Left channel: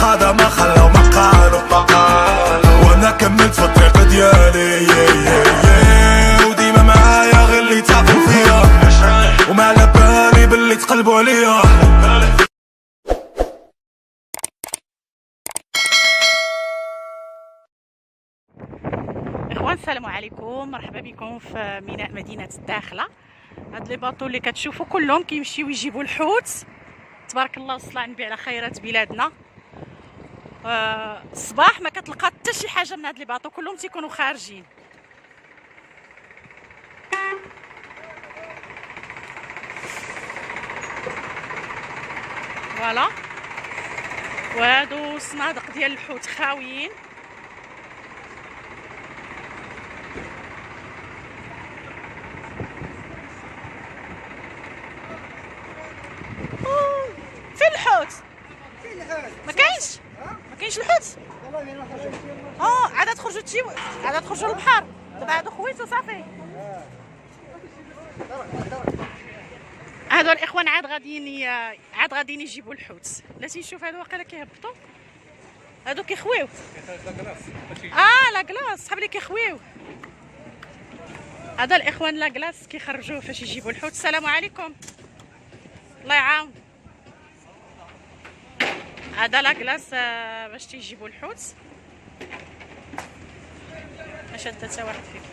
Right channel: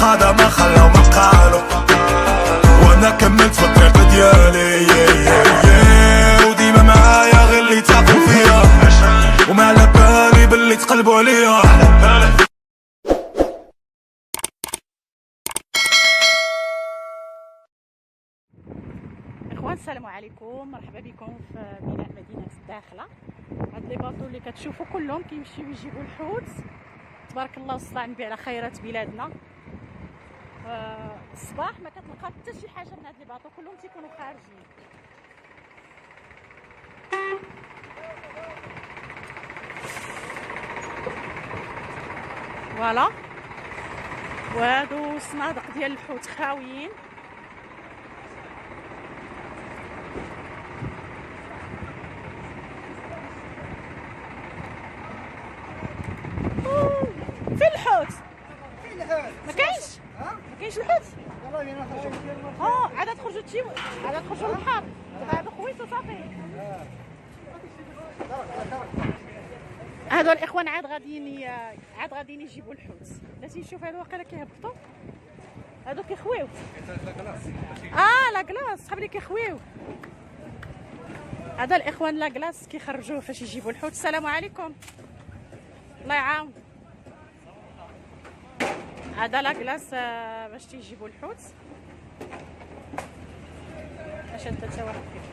قادة ما خلاو ما قالوا، وانا كملت في الطريق ديالي وديما معايا غير اللي تاقوا فيا، وما على بالي باللي تقلبوا عليا. اخوان السلام عليكم، مرحبا بكم في ميناء مدينه الداخله. هاد لي باطو اللي كتشوفوا كلهم كيمشيو يجيبوا الحوت، تبارك الله والصلاه على النبي على خيرات بلادنا. الصباح ما كتلقى حتى شي حاجه من هاد لي باطو، كلهم تيكونوا خارجين. فوالا، وهادو الصنادق ديال الحوت خاويين. فين الحوت؟ ما كاينش الحوت. عاد تخرجوا عاد تخرجوا للبحر. دابا هادو خويتو صافي. هادو الاخوان عاد غاديين يجيبوا الحوت. لا تنشوف هادو واقيلا كيهبطوا، هادو كيخويو. لا كلاص صحاب لي كيخويو. هذا الاخوان لا كلاص كيخرجوه فاش يجيبوا الحوت. السلام عليكم، الله يعاون. هذا لا كلاص باش تيجيبوا الحوت. ما شاد حتى واحد فيكم.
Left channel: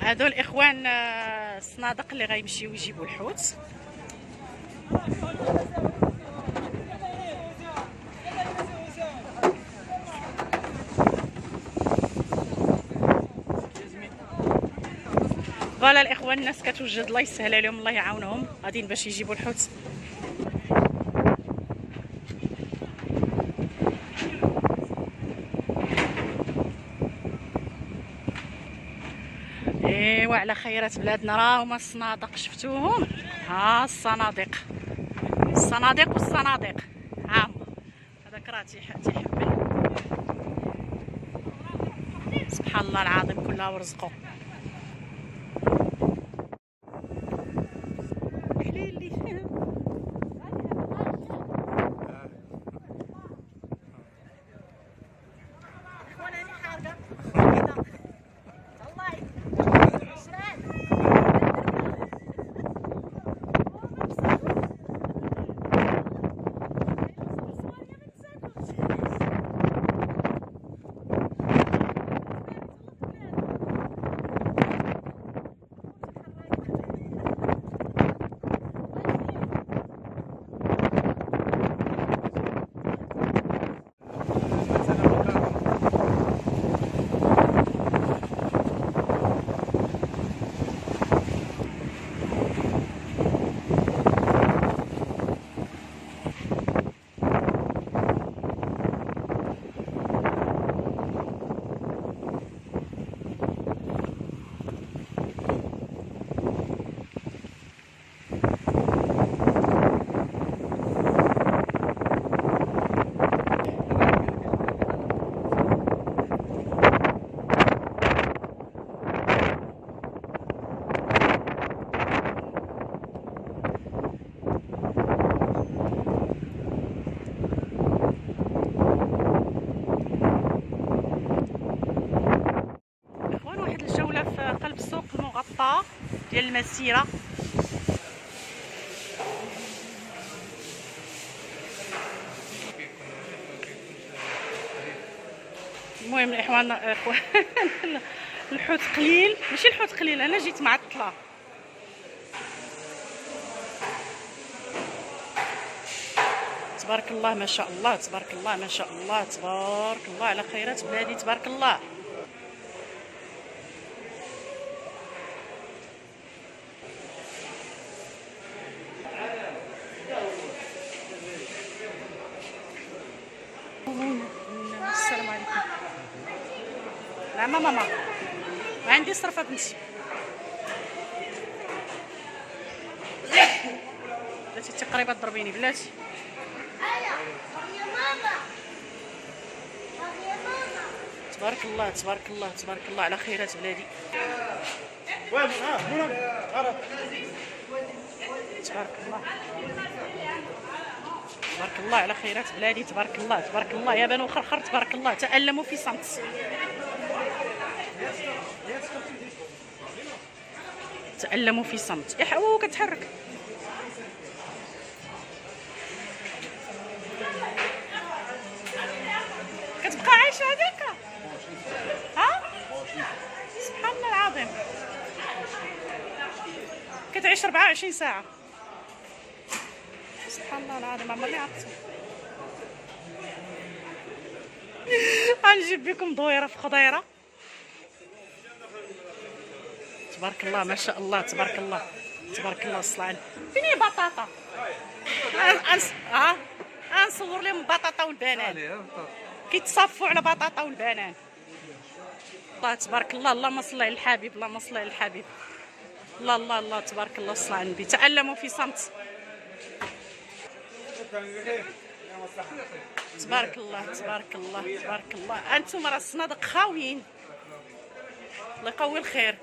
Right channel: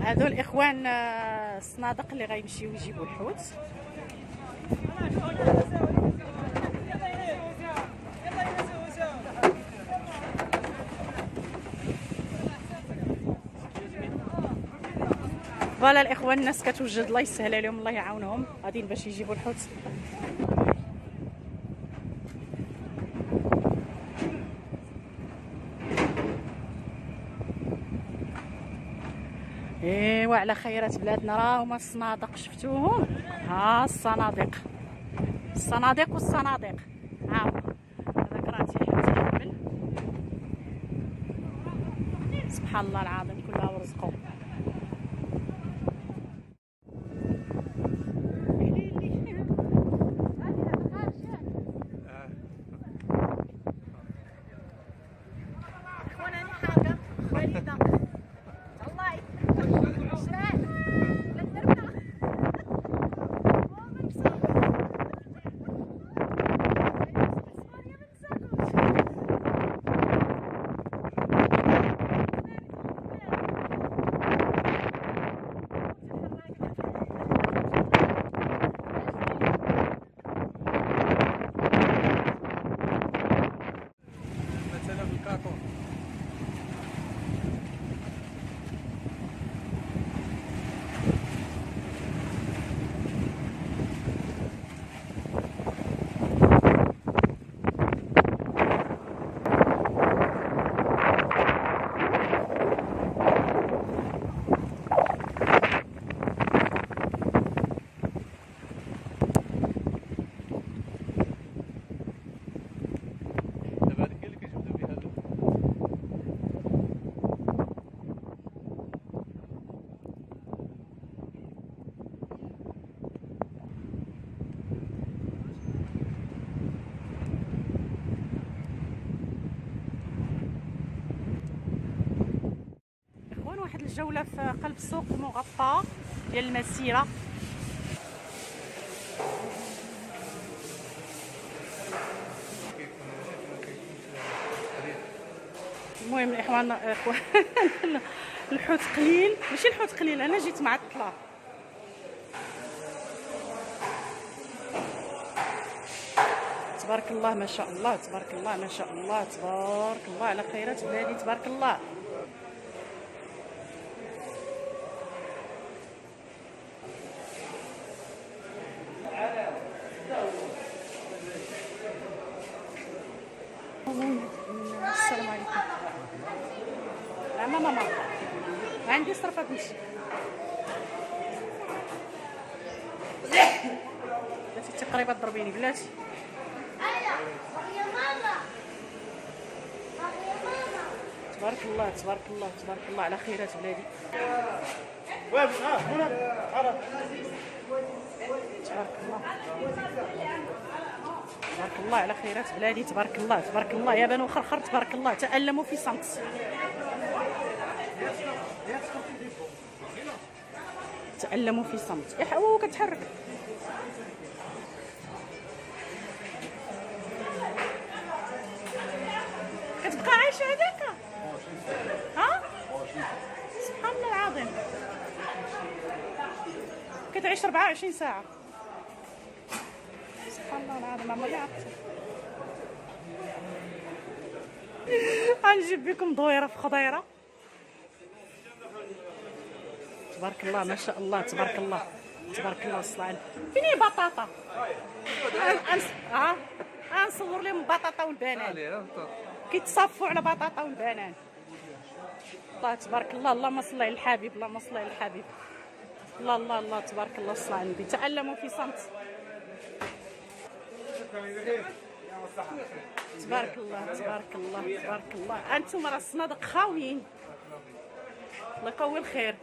هادو الاخوان الصنادق اللي غيمشيو يجيبوا الحوت. فوالا الاخوان، الناس كتوجد، الله يسهل عليهم الله يعاونهم، غاديين باش يجيبوا الحوت. ايوا على خيرات بلادنا، راه هما الصنادق شفتوهم. ها الصناديق والصناديق. ها هذاك راه تيحمل. سبحان الله العظيم، كلها ورزقو. الجولة في قلب السوق المغطى ديال المسيرة. المهم الاخوان الحوت قليل، ماشي الحوت قليل، انا جيت معطله. تبارك الله ما شاء الله، تبارك الله ما شاء الله، تبارك الله على خيرات بلادي، تبارك الله. السلام عليكم. نعم ماما، ما عندي صرفه بنتي. بلاتي انت قريبه تضربيني بلاتي. تبارك الله تبارك الله تبارك الله على خيرات بلادي. تبارك الله تبارك الله على خيرات بلادي. تبارك الله تبارك الله يا بنو خرخر. تبارك الله تألموا في صمت. تألموا في صمت. يا كتحرك. كتبقى عايشه هذيك. ها سبحان الله العظيم. كتعيش 24 ساعه. سبحان الله العظيم. عمرني عرفتها. غنجيب بكم دويره في خضيره. تبارك الله ما شاء الله تبارك الله تبارك الله. الصلاة فين هي بطاطا؟ غنصور لهم البطاطا والبنان كيتصفوا على بطاطا والبنان. الله تبارك الله. اللهم صل على الحبيب. اللهم صل على الحبيب. الله الله الله تبارك الله. الصلاة على النبي. تألموا في صمت. تبارك الله تبارك الله تبارك الله. انتم راه الصنادق خاويين. الله يقوي الخير.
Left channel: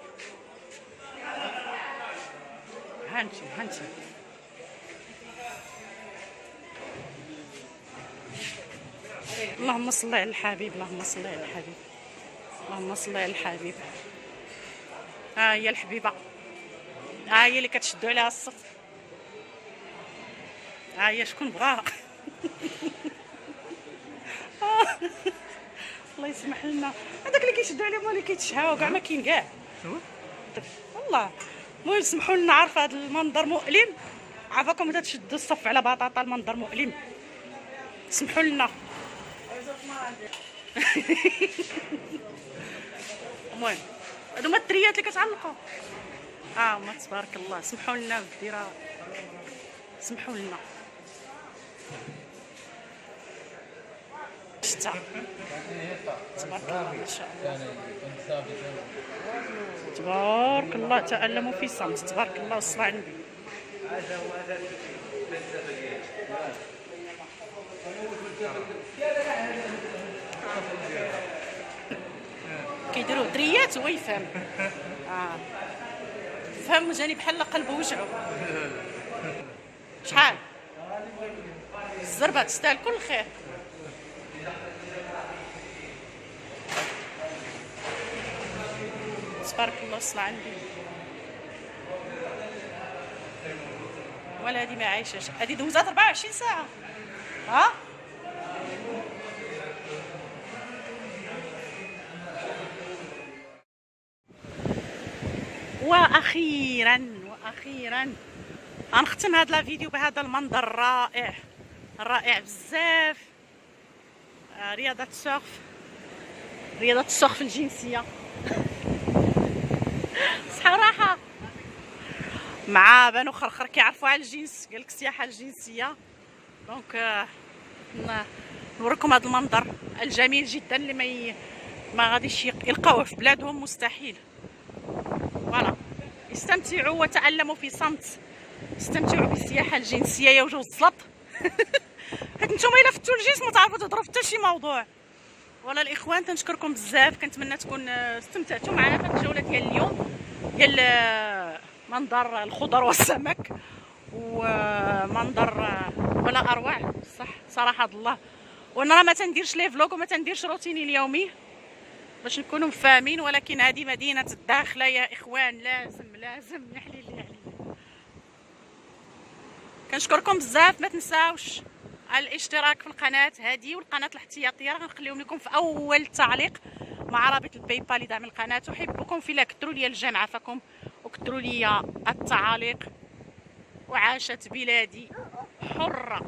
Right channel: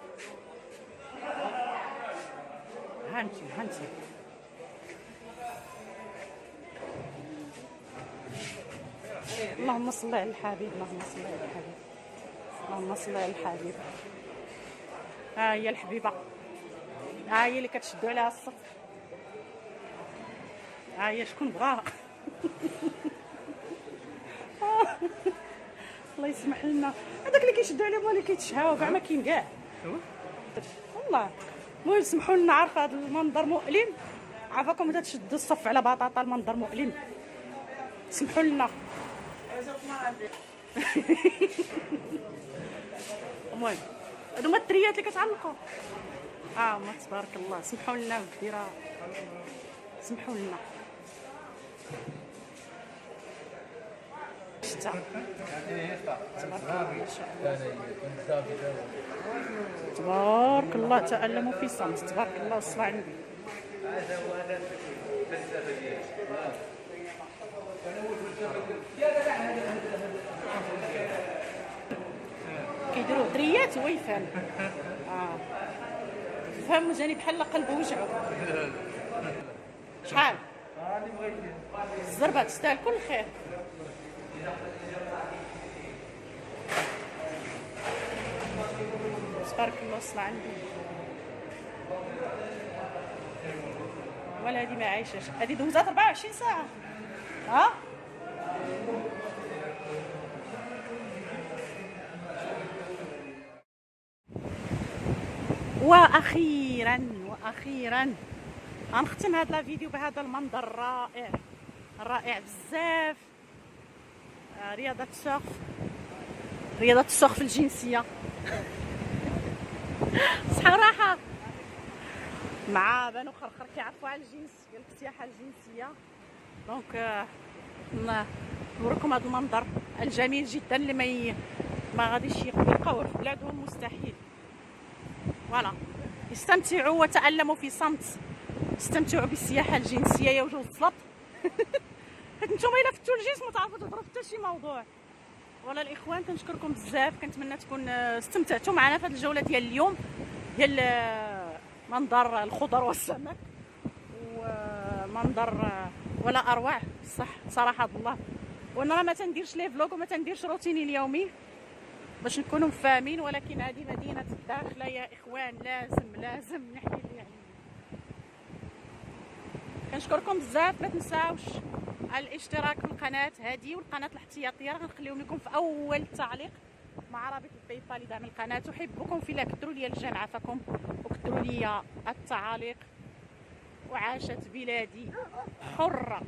هانتم اللهم صل على الحبيب. اللهم صل على الحبيب. اللهم صل على الحبيب. ها هي الحبيبه. ها هي اللي كتشدوا عليها الصف. ها هي شكون بغاها. الله يسمح لنا. هذاك اللي كيشدوا عليه هو اللي كيتشهاو كاع ما كاين كاع. والله المهم سمحوا لنا. عارفه هذا المنظر مؤلم. عافاكم اذا تشدوا الصف على بطاطا. المنظر مؤلم. سمحوا لنا. المهم هادو هما التريات اللي كتعلقوا. ما تبارك الله. سمحوا لنا ودي راه سمحوا لنا. شتا تبارك الله ما شاء الله تبارك الله. تألموا في صمت. تبارك الله والصلاة على النبي. كيديروا دريات هو يفهم. فهم جاني بحال قلبه وجعو. شحال الزربه تستاهل كل خير. تبارك الله الصلاة على النبي. ولا هادي ما عايشاش. هادي دوزات 24 ساعة. واخيرا غنختم هذا الفيديو بهذا المنظر الرائع الرائع بزاف. رياضة السورف الجنسية. صراحة مع بنو خرخر كيعرفوا على الجنس. قالك السياحة الجنسية. دونك نوريكم هذا المنظر الجميل جدا اللي ما غاديش يلقاوه في بلادهم مستحيل. فوالا استمتعوا وتألموا في صمت. استمتعوا بالسياحة الجنسية يا وجوز السلط. حيت نتوما الا فتوا الجنس ما تعرفوا تهضروا في حتى شي موضوع. ولا الاخوان تنشكركم بزاف. كنتمنى تكون استمتعتوا معنا في هذه الجوله ديال اليوم ديال منظر الخضر والسمك ومنظر ولا اروع. صح صراحه الله. وانا راه ما تنديرش لي فلوغ وما تنديرش روتيني اليومي باش نكونوا فاهمين. ولكن هذه مدينه الداخله يا اخوان. لازم نحلي اللي علينا. كنشكركم بزاف. ما تنساوش الاشتراك في القناه هذه والقناه الاحتياطيه راه غنخليهم لكم في اول تعليق مع رابط الباي بال لدعم القناه. احبكم في الله. كثروا لي الجيم عافاكم وكثروا لي التعاليق. وعاشت بلادي حره.